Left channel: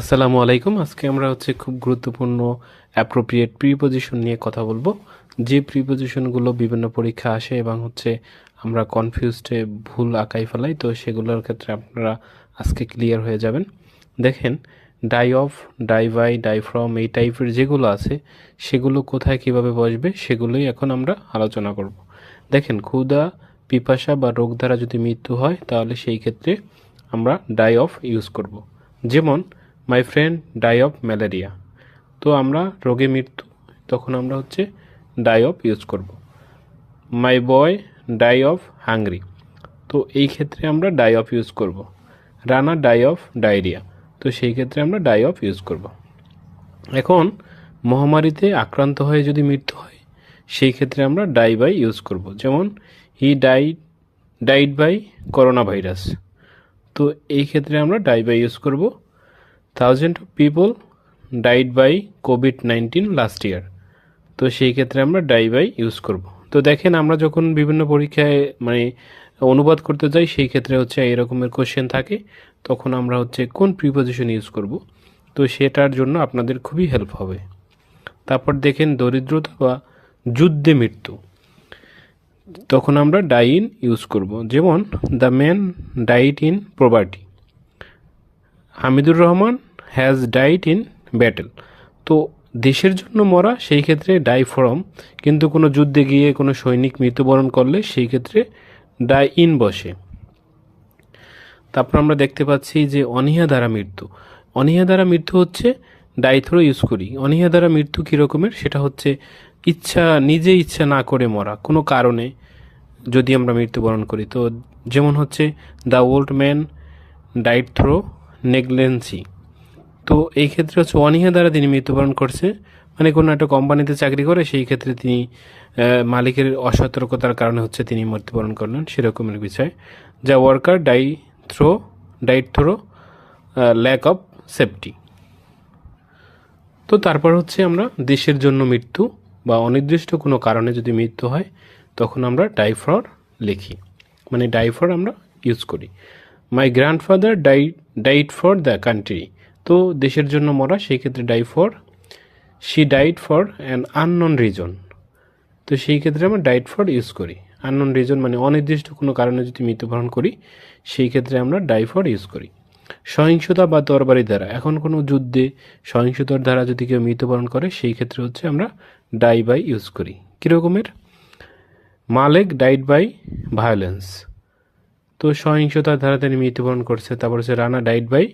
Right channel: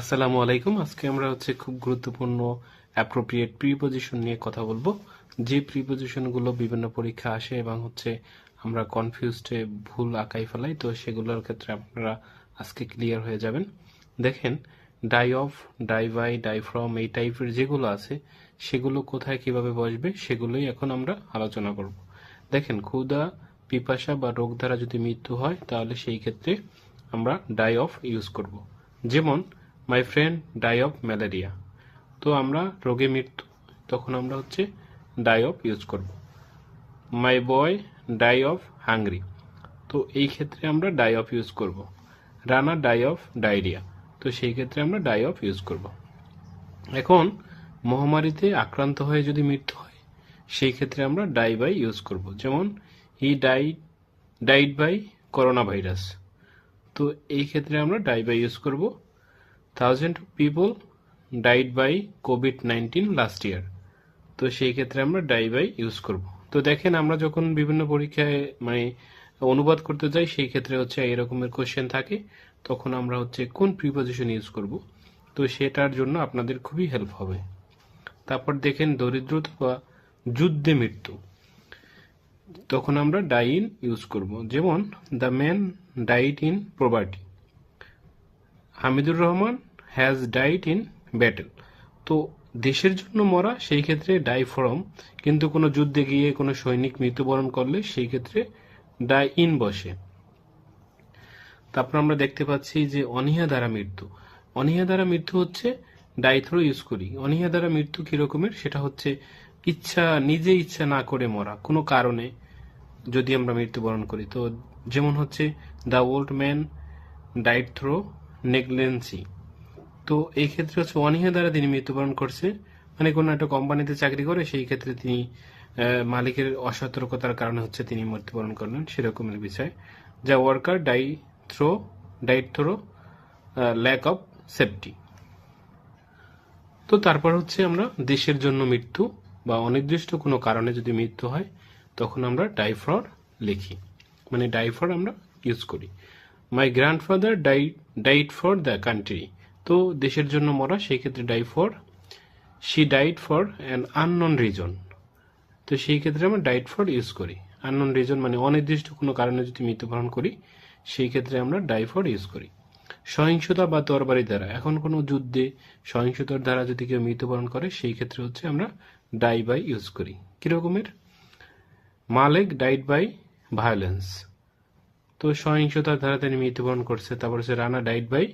আসসালামু আলাইকুম। আজকে আমরা খুব গুরুত্বপূর্ণ অ্যাপ্রোপ্রিয়েট প্রিপজিশন নিয়ে কথা বলবো। যে প্রিপজিশনগুলো বিভিন্ন পরীক্ষা আসে এবং আমরা কনফিউজডে ভুল আঁকাই ফেলাই, তো সেগুলোর ক্ষেত্রে আপনারা আজকে ক্লিয়ার হয়ে যাবেন। দেখেন, die of, die by, die from এই টাইপের যেগুলো আছে সেগুলো কোথায় কিভাবে বসবে সেগুলোই এখন আমরা আলোচনা করব। দেখেন, ক্ষুধা, পিপাসা বা রোগ দ্বারা যদি মৃত্যু হয় তাহলে সেই ক্ষেত্রে আমরা ডাই অফ ইউজ করব। যেমন my friend die of malaria, তো আমরা রোগে মৃত্যু, তখন আমরা ডাই অফ ইউজ করব। মাই বয় ডাই অফ হাংরি, তো এই ক্ষেত্রে আমরা ডাই অফ ইউজ করব। রানা ডাই অফ ডায়রিয়া, তো সেই ক্ষেত্রে আমরা ডাই অফ ইউজ করব। এখন মহামারীতে আক্রান্ত হয়ে যদি মৃত্যু হয় সেই ক্ষেত্রে আমরা ডাই বাই ইউজ করব। যেমন he died by corona virus, তো এই ক্ষেত্রে আমরা ডাই বাই ইউজ করব। 1000 of people died by COVID-19 last year, তো সেই ক্ষেত্রে আমরা ডাই বাই ইউজ করব। তো দেখেন, আমরা যখন বিভিন্ন পরীক্ষায় অনুবাদ করতে যাই সেই ক্ষেত্রে এরকমের কোশ্চেন থাকে, তখন আমরা কোন প্রিপজিশন ইউজ করব, তো সেটার জন্য আপনাদের খুবই হেল্প হবে। তারপর দেখেন, দরিদ্রতা বা যুদ্ধে মৃত্যু, তখন আমরা ডাই ইন ইউজ করব। যেমন the man died in poverty, Hamidur Rahman has died in battle, তো দেশের জন্য মরা সেই ক্ষেত্রে ডাই ফ্রম, কিন্তু কোনো যুদ্ধে গিয়ে কোনো সৈনিক মৃত্যুবরণ করলে সেই ক্ষেত্রে ডাই ইন বসে। তারপর আমরা দেখতে পাচ্ছি যে অনীহা দ্বারা মৃত্যু, অনীহা দ্বারা মৃত্যু ডাই থ্রো ইউজ করি। অনীহা দ্বারা মৃত্যু কী রকমের, সেটা নিজে ইচ্ছা না করে মরা, কোনো কারণে যদি আমরা মৃত্যুবরণ করি। তো যেমন the old man died through negligence, তো এই ক্ষেত্রে অনীহা দ্বারা তিনি মৃত্যুবরণ করছে, মানে কোনো একটা কোম্পানিতে চাকরি করে সেই ক্ষেত্রে তিনি মালিকের অসতর্কতার কারণে তিনি মৃত্যুবরণ করলেন, সেরকমের বিষয়। যা worker died through lack of safety. তো তারপর আমরা দেশের জন্য মৃত্যু বা অনির্দিষ্ট কোনো কারণে যদি মৃত্যু হয় তখন আমরা ডাই ফর লিখি, মানে ডাই ফর আমরা ইউজ করি। My grandfather died for the country, তো দেশের জন্য মরা, সেই ক্ষেত্রে die for. She died for an unknown reason, তো সেই ক্ষেত্রে আমরা ডাইড ফর ইউজ করি। আননোন রিজন মানে অনির্দিষ্ট কোনো কারণে যদি মৃত্যুবরণ করি সেই ক্ষেত্রে আমরা ডাই ফর ইউজ করি। সহিংসতা বা তরবারি দ্বারা, এখন কোনো যুদ্ধে সহিংসতার দ্বারা যদি কেউ মৃত্যুবরণ করে সেই ক্ষেত্রে আমরা ডাই বাই ইউজ করি। কীরকমের, মালেক ডাইড বাই ভায়োলেন্স, তো সহিংসতার দ্বারা তিনি মৃত্যুবরণ করছে। তারপর রানা ডাইড বাই